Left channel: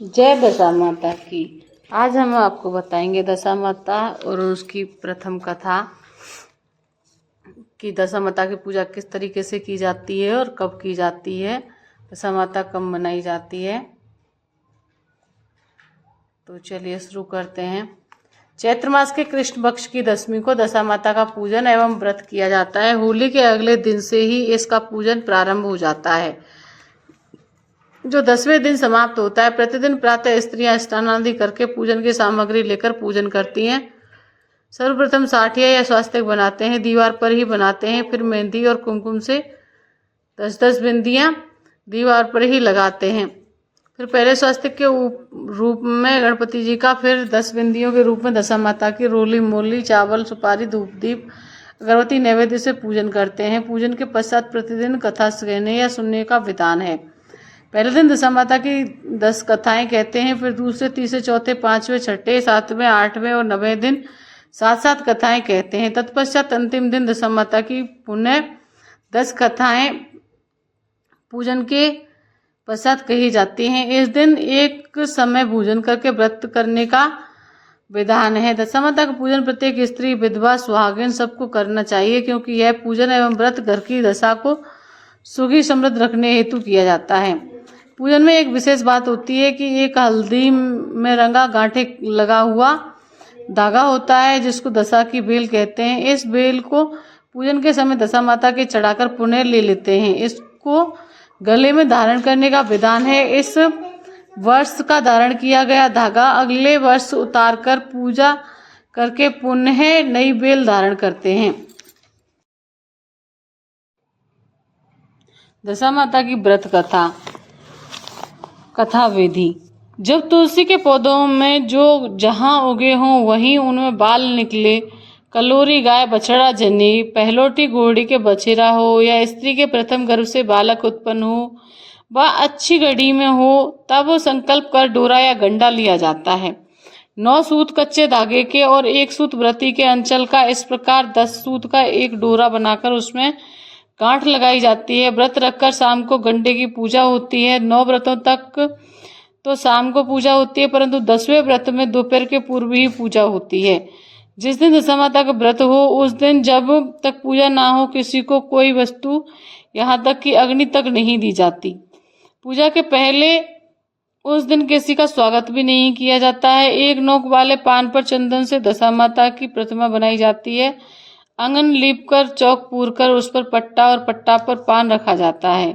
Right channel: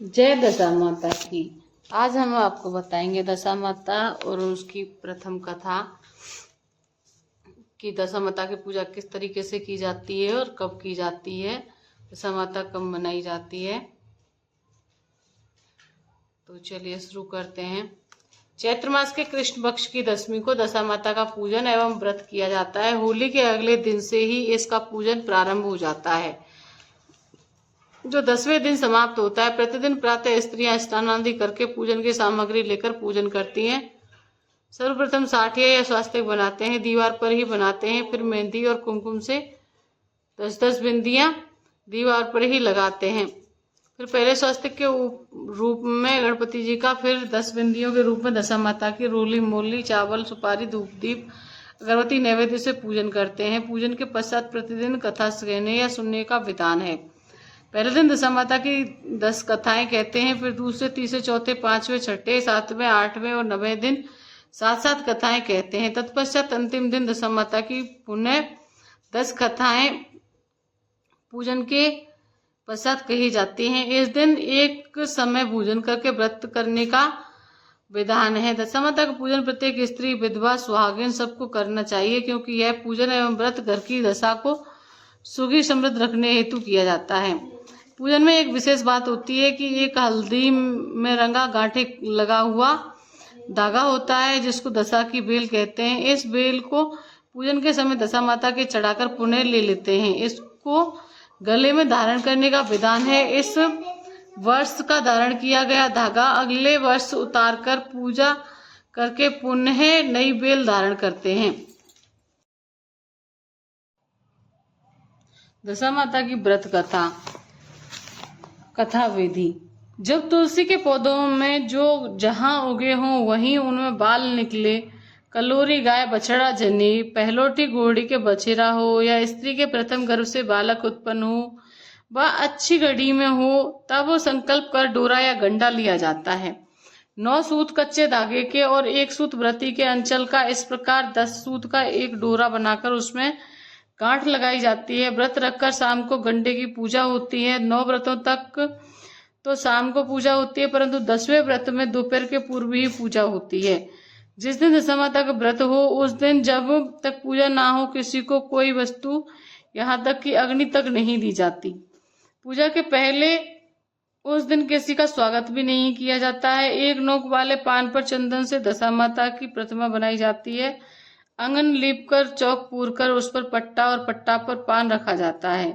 जय दशा माता की। आज हम आपको बताएंगे दशा माता और उसकी प्रथम कथा कि दशा माता की पूजा किस तरीके से की जाती है और कब की जाती है, दशा माता कब मनाई जाती है। तो चलिए शुरू करते हैं। चैत्र मास के कृष्ण पक्ष की दशमी को दशा माता का पूजन एवं व्रत किया जाता है। होली के अगले दिन से ही इसका पूजन प्रारंभ हो जाता है, जो 10वें दिन समाप्त होता है। प्रतिदिन प्रातः स्त्रियां स्नान आदि करके पूजन की सामग्री लेकर पूजन करती हैं। सर्वप्रथम साठिया या स्वास्तिक बनाते हैं, दीवार पर ही बनाते हैं। फिर मेहंदी और कुमकुम से 10-10 बिंदियां दीवार पर ही लगाते हैं। फिर पहले स्वास्तिक के रूप में गणपति जी का, फिर 10 बिंदियों के रूप में दशा माता की रोली मोली चावल सुपारी धूप दीप अगरबत्ती नैवेद्य से पूजन करते हैं। पूजन के पश्चात प्रतिदिन कथा कहने या सुनने का विधान है। पहले दिन दशा माता की 10 कथाएं कहते हैं, फिर दूसरे तीसरे चौथे पांचवें छठे सातवें आठवें और 9वें दिन 7-7 कथाएं कहते हैं। तत्पश्चात अंतिम दिन दशा माता की पुनः 10 कथाएं पूजन के पश्चात कही जाती हैं। इस दिन एक समय भोजन करके व्रत करने का विधान है। दशा माता का पूजन प्रत्येक स्त्री, विधवा, सुहागिन सबको करना चाहिए, क्योंकि यह पूजन एवं व्रत घर की दशा को सुखी समृद्ध रखने हेतु किया जाता है। पूजन में एक विशेष बात होती है कि एक हल्दी में रंगा गांठे लगा हुआ धागा होता है, जिसको दशा की बेल कहते हैं। इस बेल को पूजन के समय दशा माता के चढ़ाकर पुनः ले लेते हैं। इसको गले में धारण करने का विधान है। इस वर्ष का धारण किया गया धागा अगले वर्ष उतारकर पूजा करके पुनः नई बेल धारण करते हैं। दशा माता की व्रत कथा विधि। जब तुलसी के पौधों में जो जहां उगे हों वहीं उनमें बाल निकले, कलोरी गाय बछड़ा जने, पहलोटी घोड़ी के बछेरा हो या स्त्री के प्रथम गर्भ से बालक उत्पन्न हो, वह अच्छी घड़ी में हो, तब वो संकल्प कर डोरा या गंडा लिया जाता है। 9 सूत कच्चे धागे के और 1 सूत व्रती के अंचल का, इस प्रकार 10 सूत का एक डोरा बनाकर उसमें गांठ लगाई जाती है। व्रत रखकर शाम को गंडे की पूजा होती है। 9 व्रतों तक तो शाम को पूजा होती है, परंतु 10वें व्रत में दोपहर के पूर्व ही पूजा होती है। जिस दिन दशा माता का व्रत हो उस दिन जब तक पूजा ना हो किसी को कोई वस्तु, यहाँ तक कि अग्नि तक नहीं दी जाती। पूजा के पहले उस दिन किसी का स्वागत भी नहीं किया जाता है। एक नोक वाले पान पर चंदन से दशा माता की प्रतिमा बनाई जाती है। आंगन लीपकर चौक पूरकर उस पर पट्टा और पट्टा पर पान रखा जाता है।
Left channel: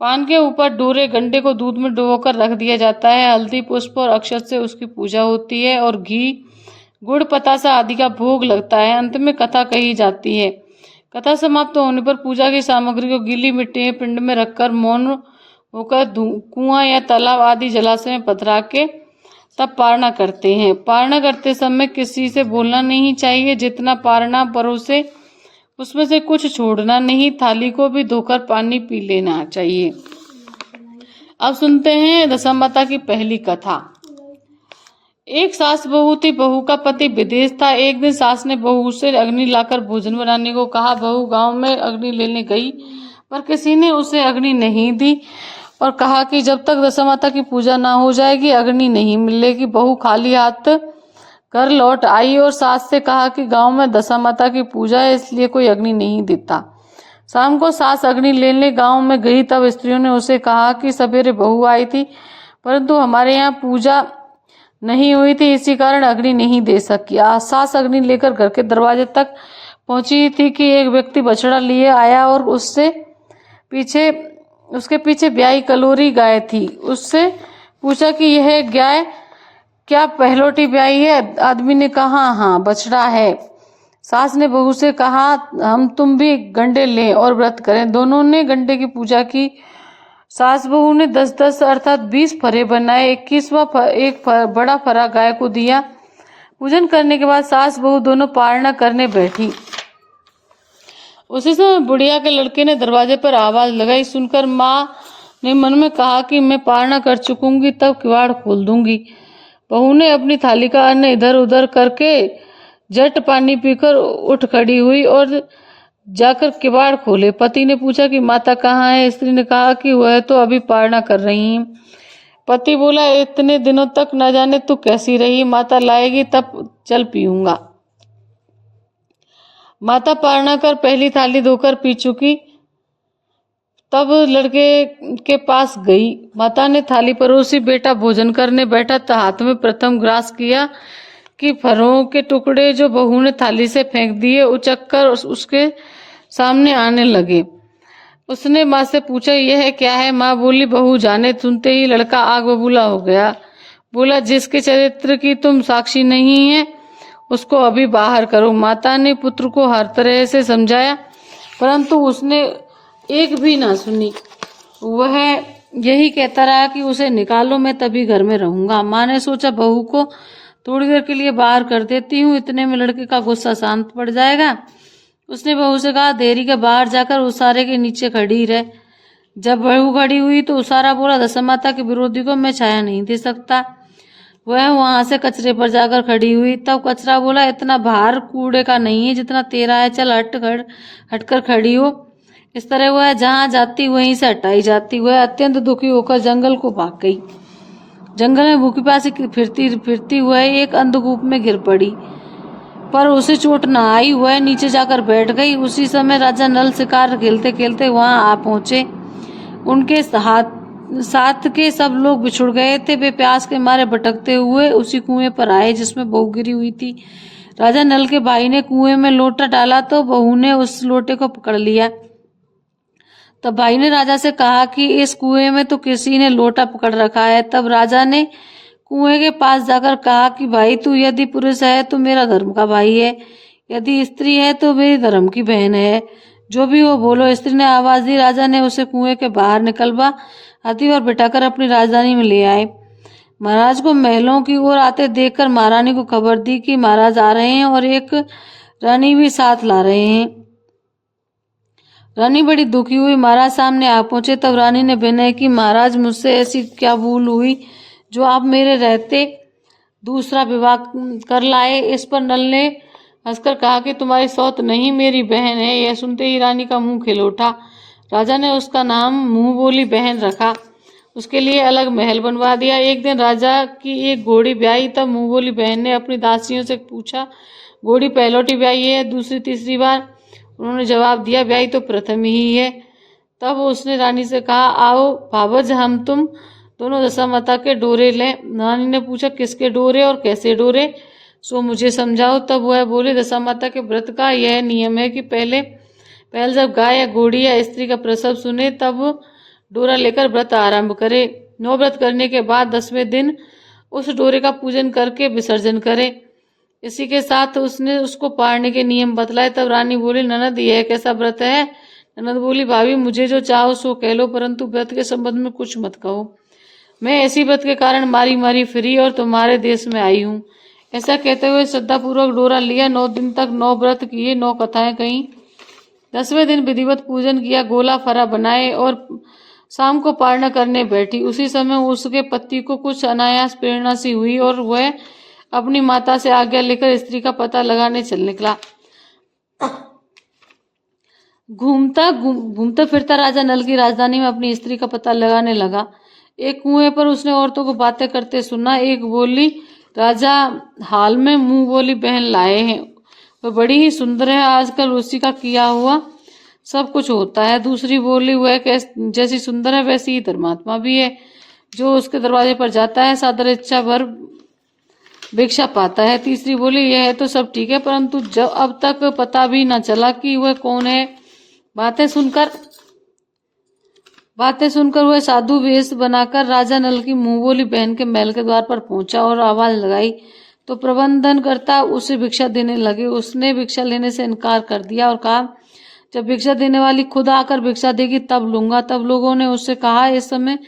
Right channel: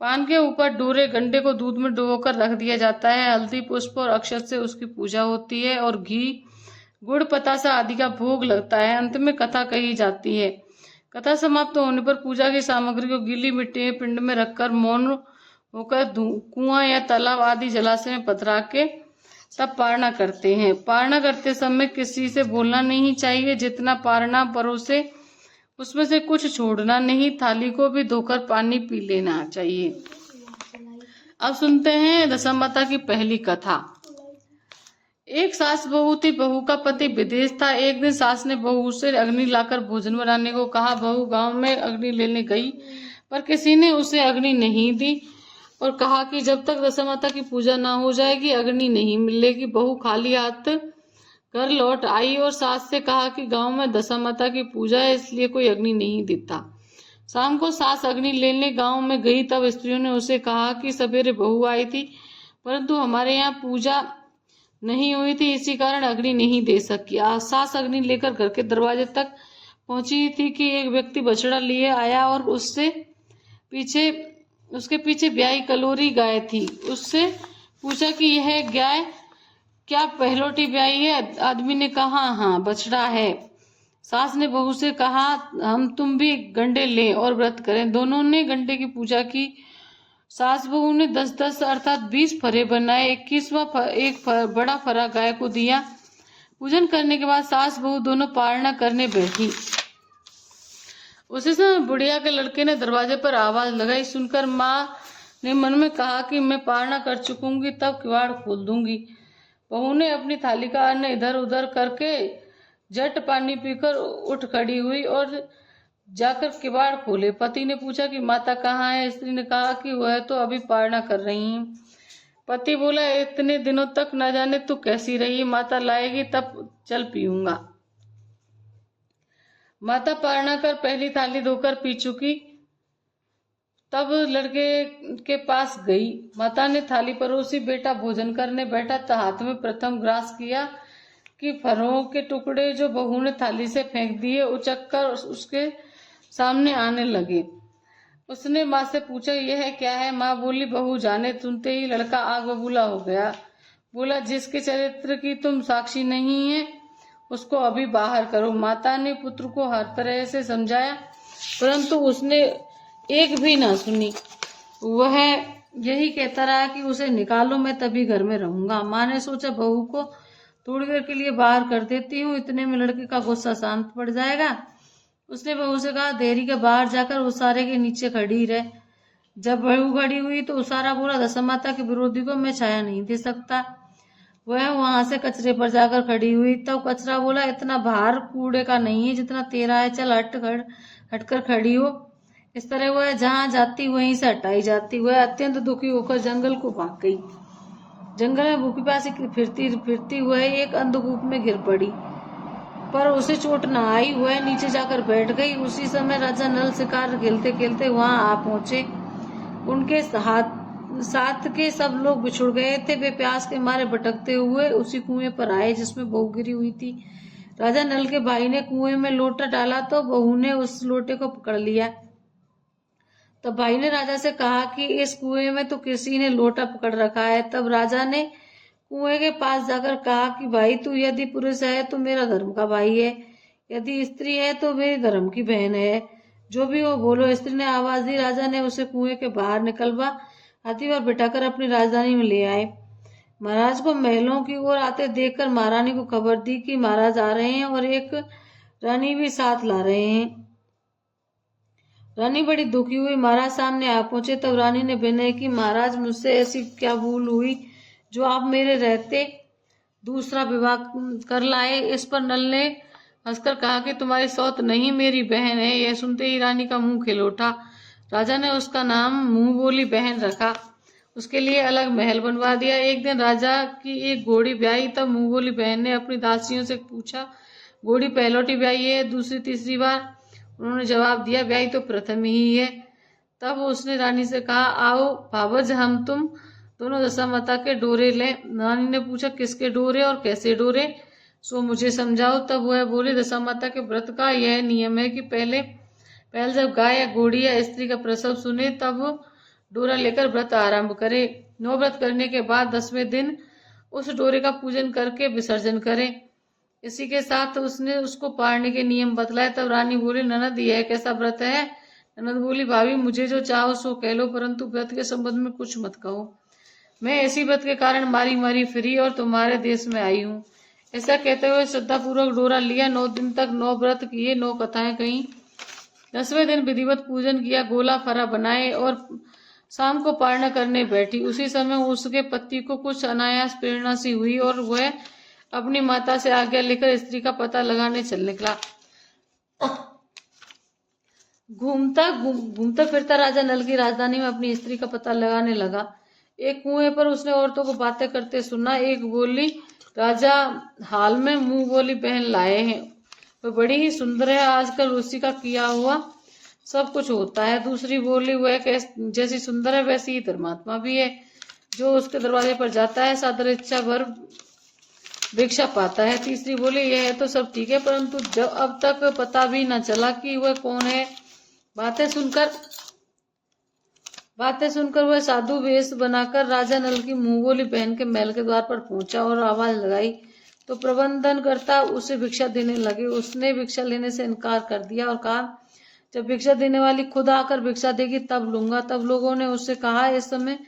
पान के ऊपर डोरे गंडे को दूध में डुबोकर रख दिया जाता है। हल्दी पुष्प और अक्षत से उसकी पूजा होती है और घी गुड़ पतासा आदि का भोग लगता है। अंत में कथा कही जाती है। कथा समाप्त होने पर पूजा की सामग्री को गीली मिट्टी पिंड में रखकर मौन होकर कुआं या तालाब आदि जलाशय में पधरा के तब पारना करते हैं। पारना करते समय किसी से बोलना नहीं चाहिए। जितना पारना परोसे उसमें से कुछ छोड़ना नहीं। थाली को भी धोकर पानी पी लेना चाहिए। अब सुनते हैं दशा माता की पहली कथा। एक सास बहू थी। बहू का पति विदेश था। एक दिन सास ने बहू से अग्नि लाकर भोजन बनाने को कहा। बहू गांव में अग्नि लेने गई, पर किसी ने उसे अग्नि नहीं दी और कहा कि जब तक दशा माता की पूजा ना हो जाएगी अग्नि नहीं मिलेगी। बहू खाली हाथ घर लौट आई और सास से कहा कि गांव में दशा माता की पूजा है, इसलिए कोई अग्नि नहीं देता। शाम को सास अग्नि लेने गांव में गई, तब स्त्रियों ने उसे कहा कि सवेरे बहू आई थी, परंतु हमारे यहाँ पूजा नहीं हुई थी, इसी कारण अग्नि नहीं दे सकी। सास अग्नि लेकर घर के दरवाजे तक पहुंची थी कि एक व्यक्ति बछड़ा लिए आया और उसके पीछे ब्याई कलोरी गाय थी। उससे पूछा कि यह गाय क्या पहलोटी ब्याई है? आदमी ने कहा हाँ, बछड़ा है। सास ने बहू से कहा हम तुम भी गंडे लें और व्रत करें। दोनों ने गंडे की पूजा की। सास बहू ने 10-10 अर्थात 20 फरे बनाए। 21वां एक बड़ा फरा गाय को दिया। पूजन करने के बाद सास बहू दोनों पारना करने बैठी। उसी समय बुढ़िया के लड़के ने दरवाजे पर आवाज लगाई। सुनकर माँ ने मन में कहा कि मैं पारना कर चुकूंगी, तब किवाड़ खोल दूंगी। बहू ने अपनी थाली का अन्न इधर उधर करके झट पानी पीकर उठ खड़ी हुई और जाकर किवाड़ खोले। पति ने पूछा कि माता कहाँ है? स्त्री ने कहा कि वह तो अभी पारना कर रही है। पति बोला, इतने दिनों तक न जाने तू कैसी रही, माता लाएगी तब चल पीऊंगा। माता पारना कर पहली थाली धोकर पी चुकी, तब लड़के के पास गई। माता ने थाली परोसी, बेटा भोजन करने बैठा तो हाथ में प्रथम ग्रास किया कि फरों के टुकड़े जो बहू ने थाली से फेंक दिए उचक कर उसके सामने आने लगे। उसने माँ से पूछा, यह क्या है? माँ बोली, बहू जाने। सुनते ही लड़का आग बबूला हो गया। बोला, जिसके चरित्र की तुम साक्षी नहीं है उसको अभी बाहर करो। माता ने पुत्र को हर तरह से समझाया, परंतु उसने एक भी ना सुनी। वह यही कहता रहा कि उसे निकालो, मैं तभी घर में रहूंगा। माँ ने सोचा, बहू को थोड़ी देर के लिए बाहर कर देती हूँ, इतने में लड़के का गुस्सा शांत पड़ जाएगा। उसने बहू से कहा, देरी के बाहर जाकर उसारे के नीचे खड़ी रह। जब बहू खड़ी हुई तो उसारा बोला, दशमाता के विरोधी को मैं छाया नहीं दे सकता। वह वहां से कचरे पर जाकर खड़ी हुई। तब कचरा बोला, इतना भार कूड़े का नहीं है जितना तेरा है, चल हटकर खड़ी हो। इस तरह वह जहां जाती वहीं से हटाई जाती। वह अत्यंत दुखी होकर जंगल को भाग गई। जंगल में भूखी प्यासी फिरती फिरती वह एक अंधकूप में गिर पड़ी, पर उसे चोट न आई। वह नीचे जाकर बैठ गई। उसी समय राजा नल शिकार खेलते खेलते वहां आ पहुंचे। उनके साथ के सब लोग बिछुड़ गए थे। वे प्यास के मारे भटकते हुए उसी कुएं पर आए जिसमें बहू गिरी हुई थी। राजा नल के भाई ने कुएं में लोटा डाला तो बहू ने उस लोटे को पकड़ लिया। तब भाई ने राजा से कहा कि इस कुएं में तो किसी ने लोटा पकड़ रखा है। तब राजा ने कुएं के पास जाकर कहा कि भाई, तू यदि पुरुष है तो मेरा धर्म का भाई है, यदि स्त्री है तो मेरी धर्म की बहन है, जो भी हो बोलो। स्त्री ने आवाज दी। राजा ने उसे कुएं के बाहर निकलवा हाथी पर बिठाकर अपनी राजधानी में ले आए। महाराज को महलों की ओर आते देखकर महारानी को खबर दी कि महाराज आ रहे हैं और एक रानी भी साथ ला रहे हैं। रानी बड़ी दुखी हुई। महाराज सामने आ पहुंचे। तब रानी ने विनय की, महाराज मुझसे ऐसी क्या भूल हुई जो आप मेरे रहते दूसरा विवाह कर लाए? इस पर नल ने हंसकर कहा कि तुम्हारी सौत नहीं, मेरी बहन है। यह सुनते ही रानी का मुंह खिल उठा। राजा ने उसका नाम मुंह बोली बहन रखा। उसके लिए अलग महल बनवा दिया। एक दिन राजा की एक घोड़ी ब्याई। तब मुंह बोली बहन ने अपनी दासियों से पूछा, घोड़ी पहलोटी ब्याई है दूसरी तीसरी बार? उन्होंने जवाब दिया, ब्याई तो प्रथम ही है। तब उसने रानी से कहा, आओ भावज, हम तुम दोनों दशामाता के डोरे लें। रानी ने पूछा, किसके डोरे और कैसे डोरे, सो मुझे समझाओ। तब वह बोले, दशामाता के व्रत का यह नियम है कि पहले जब गाय या घोड़ी या स्त्री का प्रसव सुने तब डोरा लेकर व्रत आरंभ करे। 9 व्रत करने के बाद 10वें दिन उस डोरे का पूजन करके विसर्जन करे। इसी के साथ उसने उसको पारने के नियम बतलाए। तब रानी बोली, ननद यह कैसा व्रत है? ननद बोली, भाभी मुझे जो चाहो सो कह लो, परंतु व्रत के संबंध में कुछ मत कहो। मैं ऐसी व्रत के कारण मारी मारी फिरी और तुम्हारे देश में आई हूँ। ऐसा कहते हुए श्रद्धापूर्वक डोरा लिया। 9 दिन तक 9 व्रत किए, 9 कथाएं कहीं। 10वें दिन विधिवत पूजन किया, गोला फरा बनाए और शाम को पारना करने बैठी। उसी समय उसके पति को कुछ अनायास प्रेरणा सी हुई और वह अपनी माता से आज्ञा लेकर स्त्री का पता लगाने चल निकला। घूमता फिरता राजा नल की राजधानी में अपनी स्त्री का पता लगाने लगा। एक कुएं पर उसने औरतों को बातें करते सुना। एक बोली, राजा हाल में मुंह बोली बहन लाए हैं, वह बड़ी ही सुंदर है, आजकल उसी का किया हुआ सब कुछ होता है। दूसरी बोली, वह जैसी सुंदर है वैसी ही धर्मात्मा भी है, जो उसके दरवाजे पर जाता है सादर इच्छा भर भिक्षा पाता है। तीसरी बोली, यह तो सब ठीक है, परंतु जब अब तक पता भी न चला कि वह कौन है। बातें सुनकर वह साधु वेश बनाकर राजा नल की मुंह बोली बहन के महल के द्वार पर पहुंचा और आवाज लगाई तो प्रबंधन करता उसे भिक्षा देने लगे। उसने भिक्षा लेने से इनकार कर दिया और कहा, जब भिक्षा देने वाली खुद आकर भिक्षा देगी तब लूंगा। तब लोगों ने उससे कहा, इस समय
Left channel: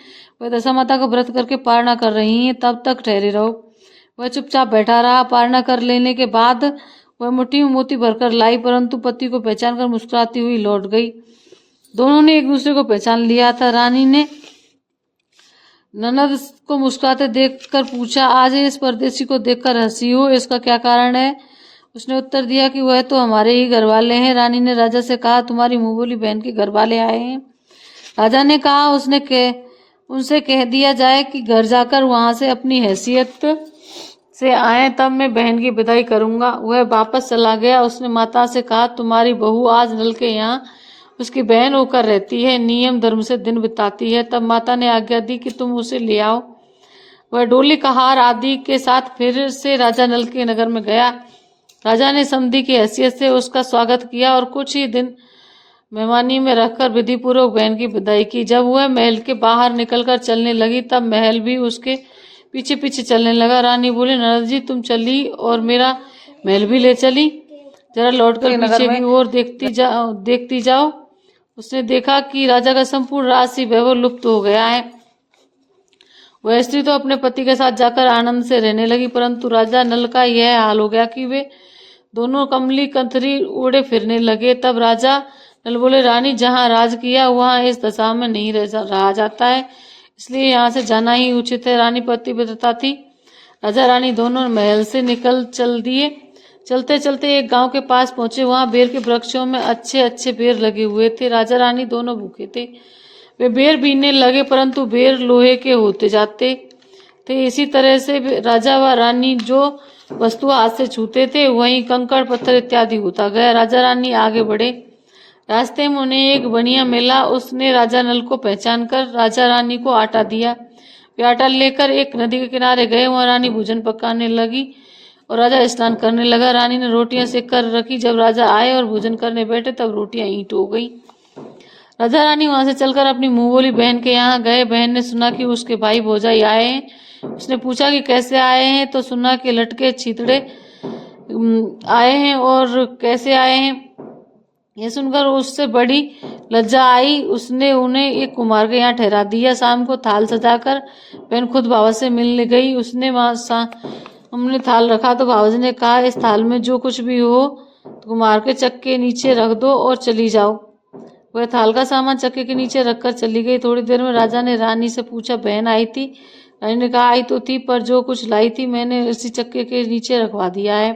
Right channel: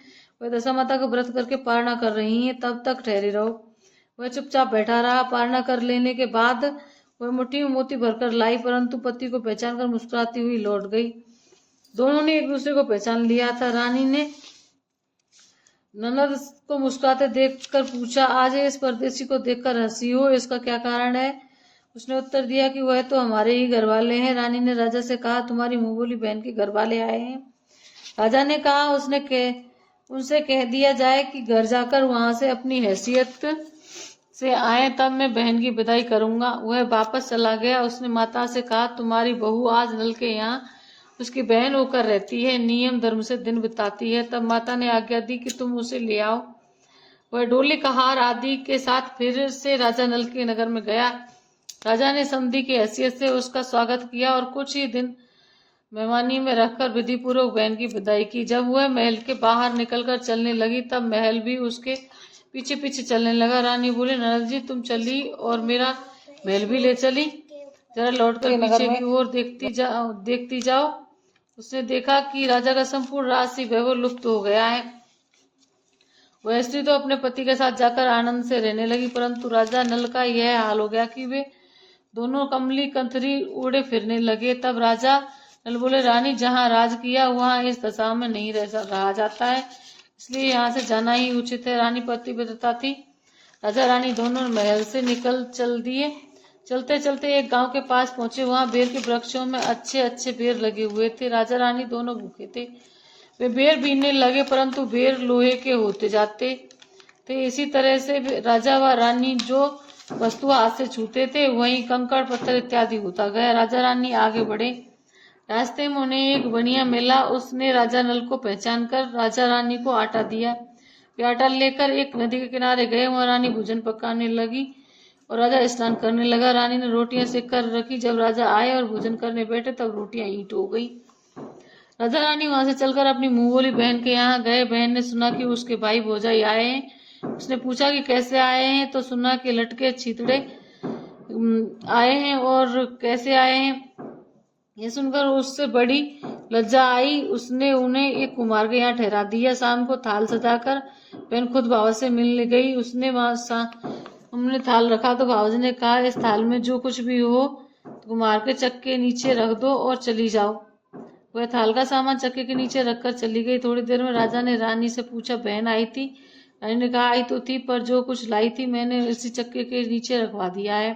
वह दशामाता का व्रत करके पारना कर रही हैं, तब तक ठहरे रहो। वह चुपचाप बैठा रहा। पारना कर लेने के बाद वह मुट्ठी में मोती भरकर लाई, परंतु पति को पहचान कर मुस्कुराती हुई लौट गई। दोनों ने एक दूसरे को पहचान लिया था। रानी ने ननद को मुस्कुराते देखकर पूछा, आज इस परदेसी को देखकर हंसी हो, इसका क्या कारण है? उसने उत्तर दिया कि वह तो हमारे ही घर वाले हैं। रानी ने राजा से कहा, तुम्हारी मुंह बोली बहन के घर वाले आए हैं। राजा ने कहा, उनसे कह दिया जाए कि घर जाकर वहां से अपनी हैसियत से आए, तब मैं बहन की विदाई करूंगा। वह वापस चला गया। उसने माता से कहा, तुम्हारी बहू आज नल के यहाँ उसकी बहन होकर रहती है, नियम धर्म से दिन बिताती है। तब माता ने आज्ञा दी कि तुम उसे ले आओ। वह डोली का हार आदि के साथ फिर से राजा नल के नगर में गया। राजा ने समधी की हैसियत से उसका स्वागत किया और कुछ ही दिन मेहमानी में रखकर विधि पूर्वक बहन की विदाई की। जब वह महल के बाहर निकलकर चलने लगी, तब महल भी उसके पीछे पीछे चलने लगा। रानी बोली, नरद जी तुम चली और मेरा महल भी ले चली, जरा लौटकर पीछे की ओर देखती जाओ। उसने देखा कि राजा का संपूर्ण राजसी वैभव लुप्त हो गया है। वह स्त्री तो अपने पति के साथ जाकर आनंद से रहने लगी, परंतु राजा नल का यह हाल हो गया कि वे दोनों कमली कंथरी उड़े फिरने लगे। तब राजा नल बोले, रानी जहाँ राज किया वहाँ इस दशा में नहीं रहा जाता है, इसलिए यहाँ से जाना ही उचित है। रानी पतिव्रता थी। राजा रानी दोनों महल से निकल चल दिए। चलते चलते एक गांव के पास पहुंचे। वहां बेर के वृक्षों में अच्छे अच्छे बेर लगे हुए थे। राजा रानी दोनों भूखे थे। वे बेर बीनने लगे, परंतु बेर लोहे के होते जाते थे। इसी तरह से राजा व रानी जो वस्तु हाथ से छूते थे वहीं कंकड़ पत्थर इत्यादि होता गया। राजा रानी आगे बढ़े। रास्ते में उन्हें एक बनिया मिला। उसने राजा नल को पहचान कर राजा रानी को आटा दिया। वे आटा लेकर एक नदी के किनारे गए। वहां रानी भोजन पकाने लगी और राजा स्नान करने लगा। रानी ने रोटियां सेक कर रखी। जब राजा आए और भोजन करने बैठे, तब रोटियां ईंट हो गई। राजा रानी वहां से चलकर अपनी मुंह बोली बहन के यहाँ गए। बहन ने सुना कि उसके भाई भौजाई आए हैं। उसने पूछा कि कैसे आए हैं, तो सुना कि लटके छितड़े आए हैं और कैसे आए हैं। यह सुनकर उससे बड़ी लज्जा आई। उसने उन्हें एक कुम्हार के यहाँ ठहरा दिया। शाम को थाल सजाकर बहन खुद बाबा से मिलने गई। उसने हमने थाल रखा तो बाबा ने कहा, इस थाल में जो कुछ भी हो कुम्हार के चक्के नीचे रख दो और चली जाओ। वह थाल का सामान चक्के के नीचे रखकर चली गई। थोड़ी देर में राजा ने रानी से पूछा, बहन आई थी? रानी ने कहा, आई तो थी, पर जो कुछ लाई थी मैंने इसी चक्के के नीचे रखवा दिया है।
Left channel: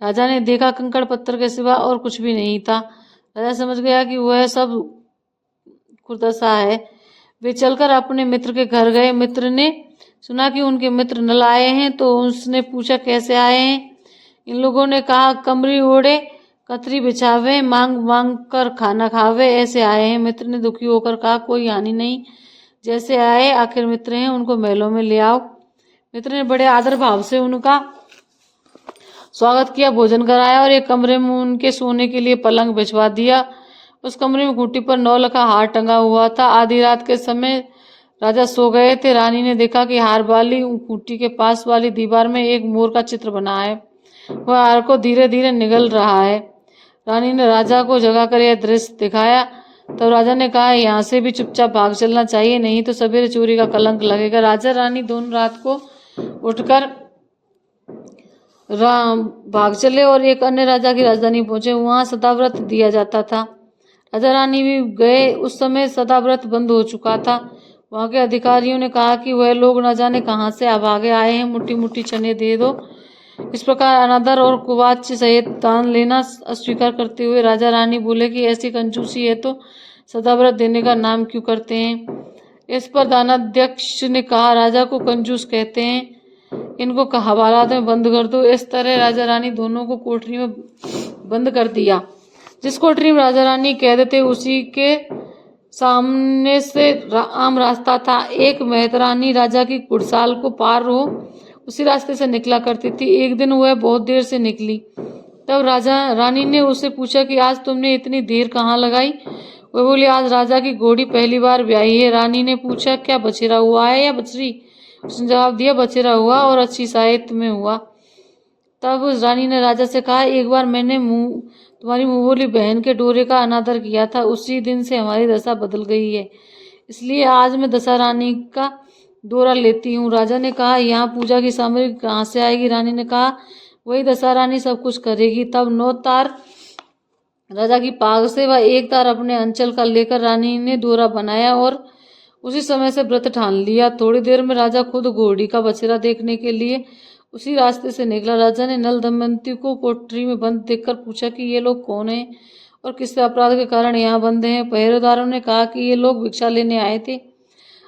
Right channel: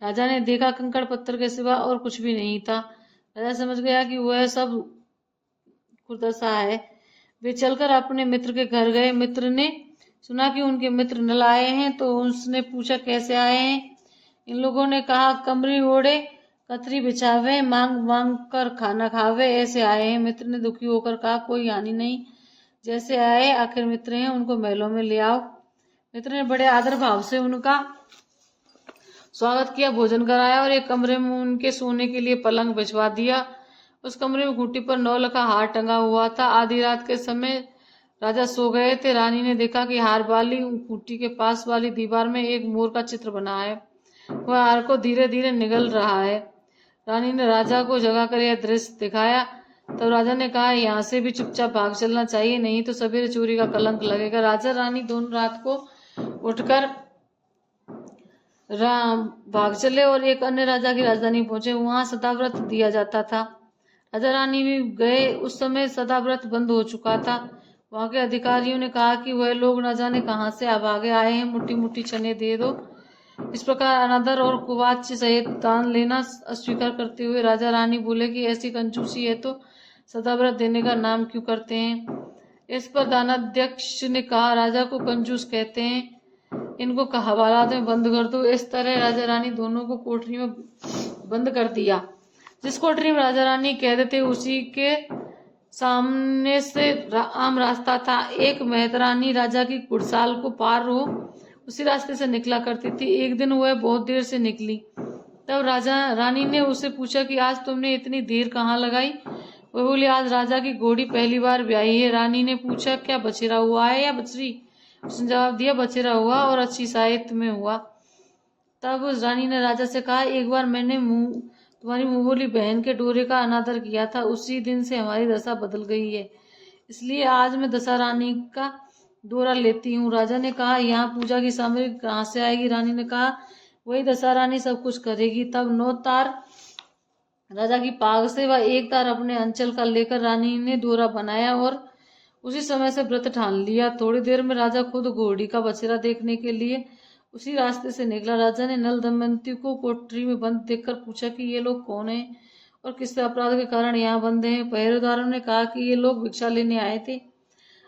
राजा ने देखा, कंकड़ पत्थर के सिवा और कुछ भी नहीं था। राजा समझ गया कि वह सब कुर्दशा है। वे चलकर अपने मित्र के घर गए। मित्र ने सुना कि उनके मित्र नल आए हैं, तो उसने पूछा, कैसे आए हैं? इन लोगों ने कहा, कमरी ओढ़े, कतरी बिछावे, मांग मांग कर खाना खावे, ऐसे आए हैं। मित्र ने दुखी होकर कहा, कोई हानि नहीं, जैसे आए आखिर मित्र हैं, उनको महलों में ले आओ। मित्र ने बड़े आदर भाव से उनका स्वागत किया, भोजन कराया और एक कमरे में उनके सोने के लिए पलंग बिछवा दिया। उस कमरे में खूंटी पर 9 लखा हार टंगा हुआ था। आधी रात के समय राजा सो गए थे। रानी ने देखा कि हार वाली खूंटी के पास वाली दीवार में एक मोर का चित्र बना है। वह हार को धीरे धीरे निगल रहा है। रानी ने राजा को जगाकर यह दृश्य दिखाया। तब राजा ने कहा, यहाँ से भी चुपचाप भाग चलना चाहिए, नहीं तो सवेरे चोरी का कलंक लगेगा। राजा रानी दोनों रात को उठकर भाग चले और एक अन्य राजा की राजधानी पहुंचे। वहां सदाव्रत दिया जाता था। राजा रानी भी गए। उस समय सदाव्रत बंद हो चुका था। वहां के अधिकारियों ने कहा कि वह लोग न जाने कहां से अभागे आए हैं, मुट्ठी मुट्ठी चने दे दो। इस प्रकार अनादर और कुवाच्य सहित दान लेना अस्वीकार करते हुए राजा रानी बोले कि ऐसी कंजूसी है तो सदाव्रत देने का नाम क्यों करते हैं। इस पर दानाध्यक्ष ने कहा, राजा को कंजूस कहते हैं, इनको हवालात में बंद कर दो। इस तरह राजा रानी दोनों को कोठरी में बंद कर दिया। जिस कोठरी में राजा रानी कैद थे उसी के सामने से आम रास्ता था। एक मेहतरानी राजा की कुड़साल को पार हो उसी रास्ते से निकला करती थी। एक दिन वह बहुत देर से निकली। तब राजा रानी ने उससे पूछा कि आज तुमने इतनी देर कहाँ लगाई? वह बोली, आज राजा की घोड़ी पहली बार ब्याही है। रानी ने पूछा, क्या बछेरा हुआ है या बछरी? उसने जवाब दिया, बछेरा हुआ और अच्छी साहित्य में हुआ। तब उस रानी ने राजा से कहा, एक बार मैंने तुम्हारी मुँह बोली बहन के डोरे का अनादर किया था, उसी दिन से हमारी दशा बदल गई है, इसलिए आज मैं दशा रानी का डोरा लेती हूँ। राजा ने कहा, यहाँ पूजा की सामग्री कहाँ से आएगी? रानी ने कहा, वही दशा रानी सब कुछ करेगी। तब 9 तार राजा की पाग से व 1 तार अपने अंचल का लेकर रानी ने डोरा बनाया और उसी समय से व्रत ठान लिया। थोड़ी देर में राजा खुद घोड़ी का बछेरा देखने के लिए उसी रास्ते से निकला। राजा ने नल दमयंती को कोठरी में बंद देखकर पूछा कि ये लोग कौन हैं और किस अपराध के कारण यहाँ बंद हैं। पहरेदारों ने कहा कि ये लोग भिक्षा लेने आए थे।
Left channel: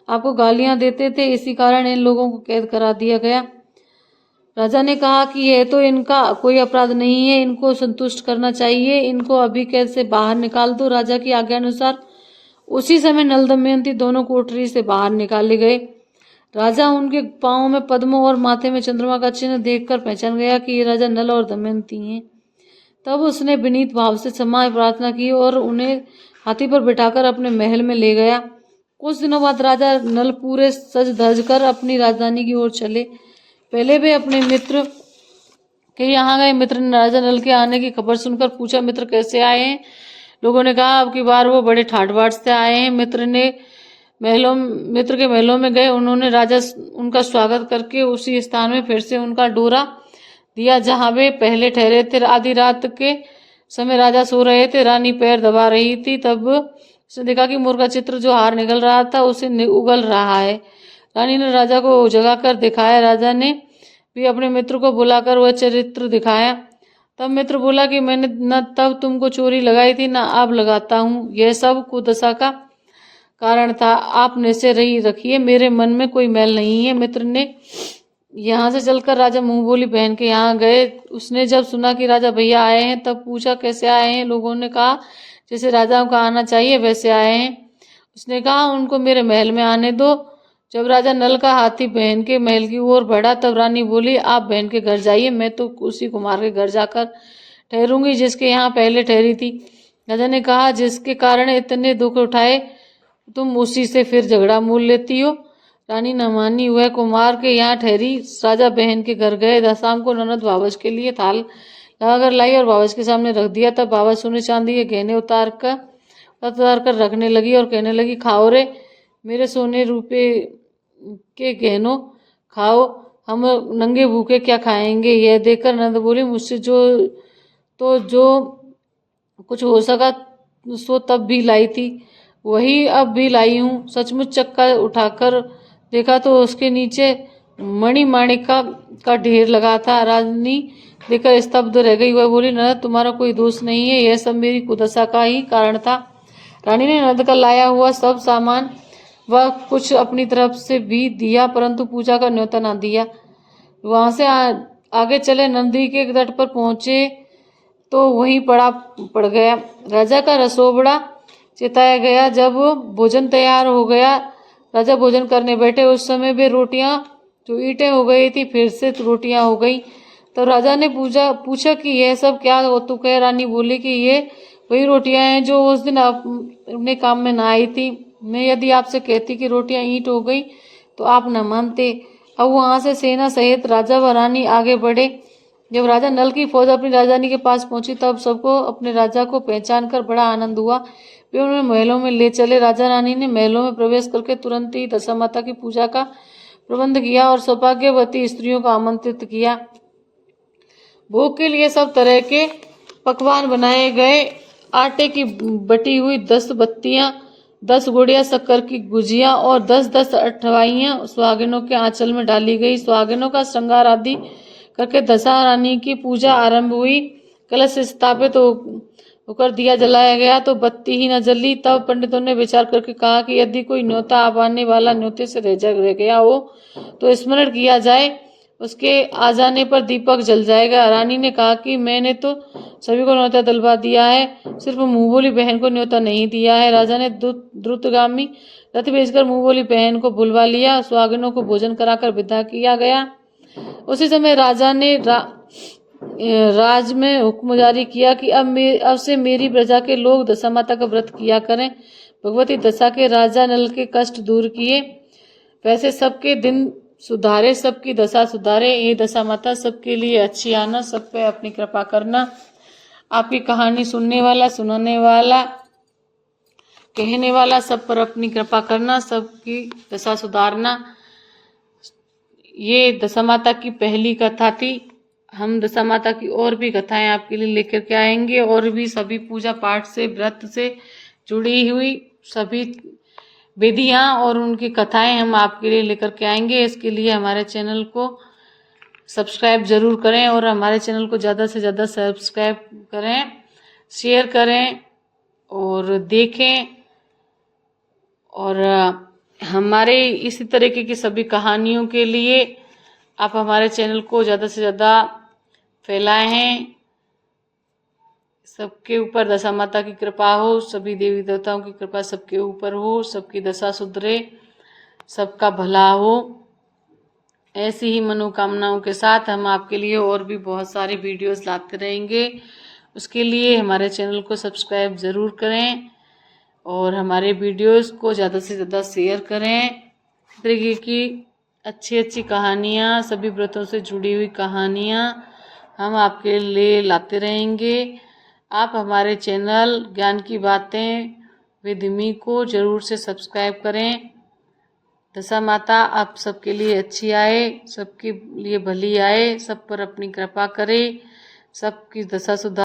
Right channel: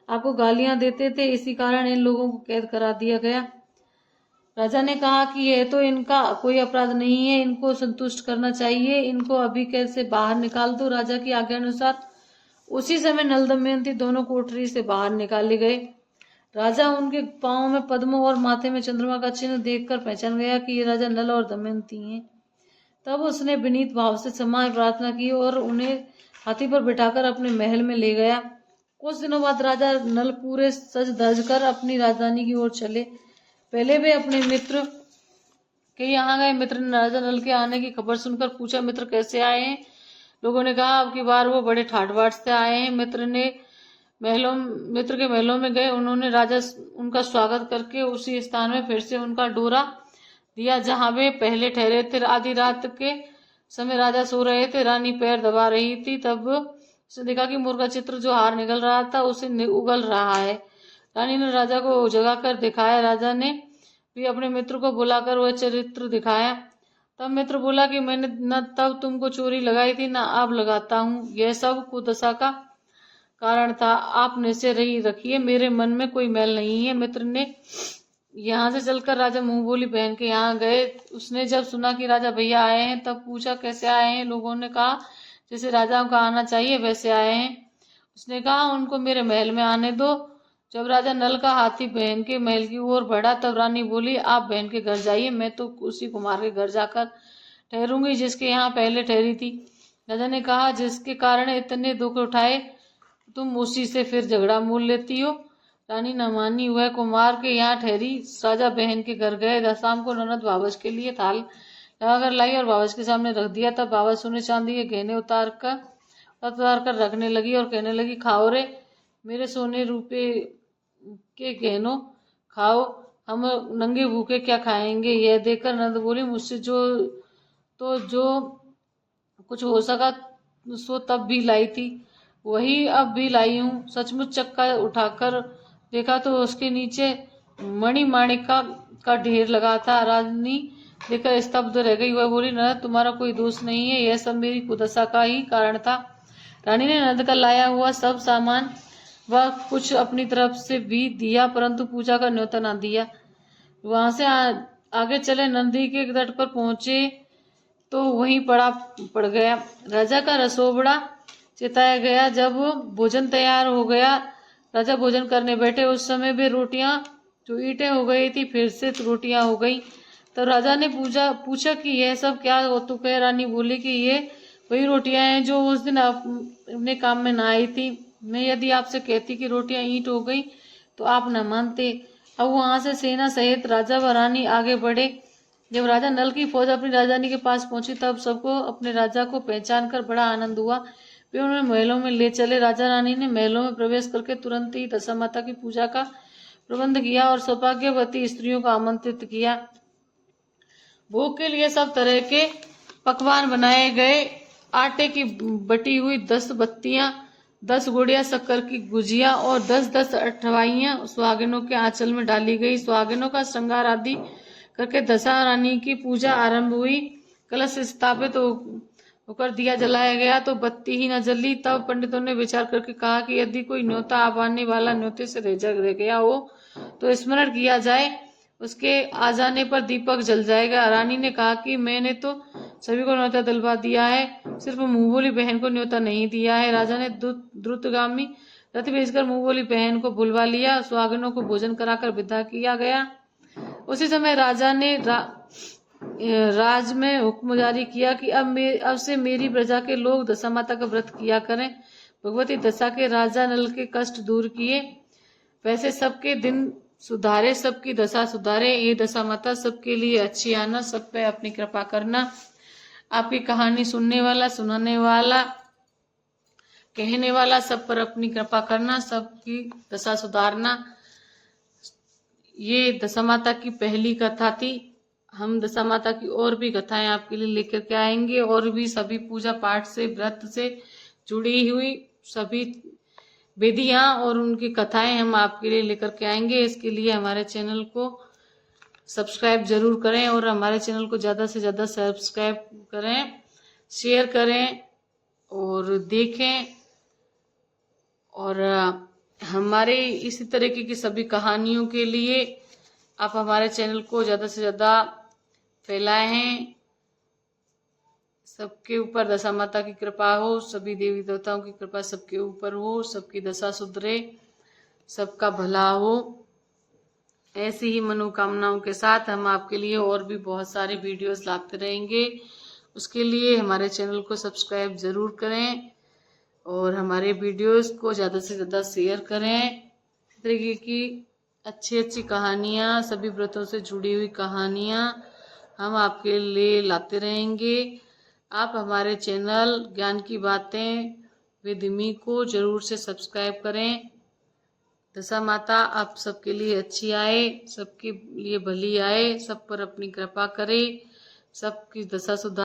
आपको गालियां देते थे, इसी कारण इन लोगों को कैद करा दिया गया। राजा ने कहा कि यह तो इनका कोई अपराध नहीं है, इनको संतुष्ट करना चाहिए, इनको अभी कैद से बाहर निकाल दो। राजा की आज्ञा अनुसार उसी समय नल दमयंती दोनों कोठरी से बाहर निकाले गए। राजा उनके पांव में पद्मों और माथे में चंद्रमा का चिन्ह देखकर पहचान गया कि ये राजा नल और दमयंती हैं। तब उसने विनीत भाव से क्षमा प्रार्थना की और उन्हें हाथी पर बिठाकर अपने महल में ले गया। कुछ दिनों बाद राजा नल पूरे सज धज कर अपनी राजधानी की ओर चले। पहले वे अपने मित्र के यहाँ गए। मित्र ने राजा नल के आने की खबर सुनकर पूछा, मित्र कैसे आए हैं? लोगों ने कहा, अब की बार वो बड़े ठाठ बाट से आए हैं। मित्र के महलों में गए। उन्होंने राजा उनका स्वागत करके उसी स्थान में फिर से उनका डोरा दिया जहां वे पहले ठहरे थे। आधी रात के समय राजा सो रहे थे, रानी पैर दबा रही थी। तब उसने देखा कि मोर का चित्र जो हार निकल रहा था उसे उगल रहा है। रानी ने राजा को जगाकर दिखाया। राजा ने भी अपने मित्र को बुलाकर वह चित्र दिखाया। तब मित्र बोला कि मैंने न तब तुमको चोरी लगाई थी, न अब लगाता हूँ। यह सब कुदशा का कारण था। आप निश्चय रही रखिए, मेरे मन में कोई मैल नहीं है। मित्र ने यहाँ से चलकर राजा मुंह बोली बहन के यहाँ गए। उसने जब सुना कि राजा भैया आए हैं तब पूछा, कैसे आए हैं? लोगों ने कहा, जैसे राजाओं का आना चाहिए वैसे आए हैं। उसने कहा, उनको मेरे महल में आने दो। जब राजा नल का हाथी बहन के महल की ओर बढ़ा तब रानी बोली, आप बहन के घर जाइए, मैं तो उसी कुमार के घर जाकर ठहरूंगी जिसके यहाँ पहले ठहरी थी। राजा ने कहा, जिसके कारण इतने दुख उठाए तुम उसी से फिर झगड़ा मोल लेती हो। रानी न मानी, वह कुमार के यहाँ ठहरी। राजा बहन के घर गए। शाम को ननद बाबज के लिए थाल लगाकर लाई और बाबज के सामने रख दिया। तब बाबज सोने चांदी के गहने उतार कर रखने लगी और कहने लगी, खाओ रे मेरे सोने रूपे के गहनों, खाओ, हम नंगे भूखे क्या खाएंगे? यह देखकर नंद बोली, मुझसे जो कुछ हो सका सो तब भी लाई थी, वही अब भी लाई हूँ। सचमुच चक्का उठाकर देखा तो उसके नीचे मणि माणिका का ढेर लगा था। रानी देखकर स्तब्ध रह गई। वह बोली, नंद तुम्हारा कोई दोष नहीं है, यह सब मेरी कुदशा का ही कारण था। रानी ने नंद का लाया हुआ सब सामान वह कुछ अपनी तरफ से भी दिया, परंतु पूजा का न्योता न दिया। वहां से आगे चले। नदी के तट पर पहुंचे तो वहीं पड़ गया। राजा का रसोबड़ा चिताया गया। जब भोजन तैयार हो गया, राजा भोजन करने बैठे। उस समय वे रोटियां जो ईंटें हो गई थी फिर से रोटियां हो गई। तो राजा ने पूछा कि यह सब क्या हो तू कह? रानी बोली कि ये वही रोटियां हैं जो उस दिन अपने काम में ना आई थी। मैं यदि आपसे कहती कि रोटियां ईंट हो गई तो आप न मानते। अब वहां से सेना सहित राजा व रानी आगे बढ़े। जब राजा नल की फौज अपनी राजधानी के पास पहुंची तब सबको अपने राजा को पहचान कर बड़ा आनंद हुआ। वे उन्हें महलों में ले चले। राजा रानी ने महलों में प्रवेश करके तुरंत ही दशा माता की पूजा का प्रबंध किया और सौभाग्यवती स्त्रियों को आमंत्रित किया। भोग के लिए सब तरह के पकवान बनाए गए। आटे की बटी हुई 10 बत्तियां, 10 गुड़िया शक्कर की गुजिया और 10-10 अठवाइयां सुहागिनों के आंचल में डाली गई। सुहागिनों का श्रृंगार आदि करके दशा रानी की पूजा आरंभ हुई। कलश स्थापित होकर दिया जलाया गया तो बत्ती ही न जली। तब पंडितों ने विचार करके कहा कि यदि कोई न्योता आने वाला न्योते से रह गया हो तो स्मरण किया जाए, उसके आ जाने पर दीपक जल जाएगा। रानी ने कहा कि मैंने तो सभी को न्योता दिलवा दिया है, सिर्फ मुंह बोली बहन को न्योता नहीं दिया है। राजा ने द्रुतगामी रथ भेजकर मुंह बोली बहन को बुलवा लिया। सुहागिनों को भोजन कराकर विदा किया गया। उसी समय राजा ने राज में हुक्म जारी किया कि अब से मेरी प्रजा के लोग दशा माता का व्रत किया करें। भगवती दशा के राजा नल के कष्ट दूर किए, वैसे सबके दिन सुधारे, सबकी दशा सुधारे। हे दशा माता, सबके लिए अच्छी आना, सब पे अपनी कृपा करना। आपकी कहानी सुनने वाला, सुनाने वाला, कहने वाला, सब पर अपनी कृपा करना, सबकी दशा सुधारना। ये दशा माता की पहली कथा थी। हम दशा माता की और भी कथाएं आपके लिए लेकर के आएंगे और भी सभी पूजा पाठ से, व्रत से जुड़ी हुई सभी विधियां और उनकी कथाएं हम आपके लिए लेकर के आएंगे। इसके लिए हमारे चैनल को सब्सक्राइब जरूर करें और हमारे चैनल को ज़्यादा से ज़्यादा सब्सक्राइब करें, शेयर करें और देखें और हमारे इसी तरीके की सभी कहानियों के लिए आप हमारे चैनल को ज़्यादा से ज़्यादा फैलाए हैं। सबके ऊपर दशा माता की कृपा हो, सभी देवी देवताओं की कृपा सबके ऊपर हो, सबकी दशा सुधरे, सबका भला हो। ऐसी ही मनोकामनाओं के साथ हम आपके लिए और भी बहुत सारे वीडियोस लाते रहेंगे। उसके लिए हमारे चैनल को सब्सक्राइब ज़रूर करें और हमारे वीडियोस को ज़्यादा से ज़्यादा शेयर करें। इस तरीके की अच्छी अच्छी कहानियाँ, सभी व्रतों से जुड़ी हुई कहानियाँ हम आपके लिए लाते रहेंगे। आप हमारे चैनल ज्ञान की बातें विद मी को ज़रूर से सब्सक्राइब करें। दशा माता आप सबके लिए अच्छी आए, सबके लिए भली आए, सब पर अपनी कृपा करे, सबकी दशा सुधार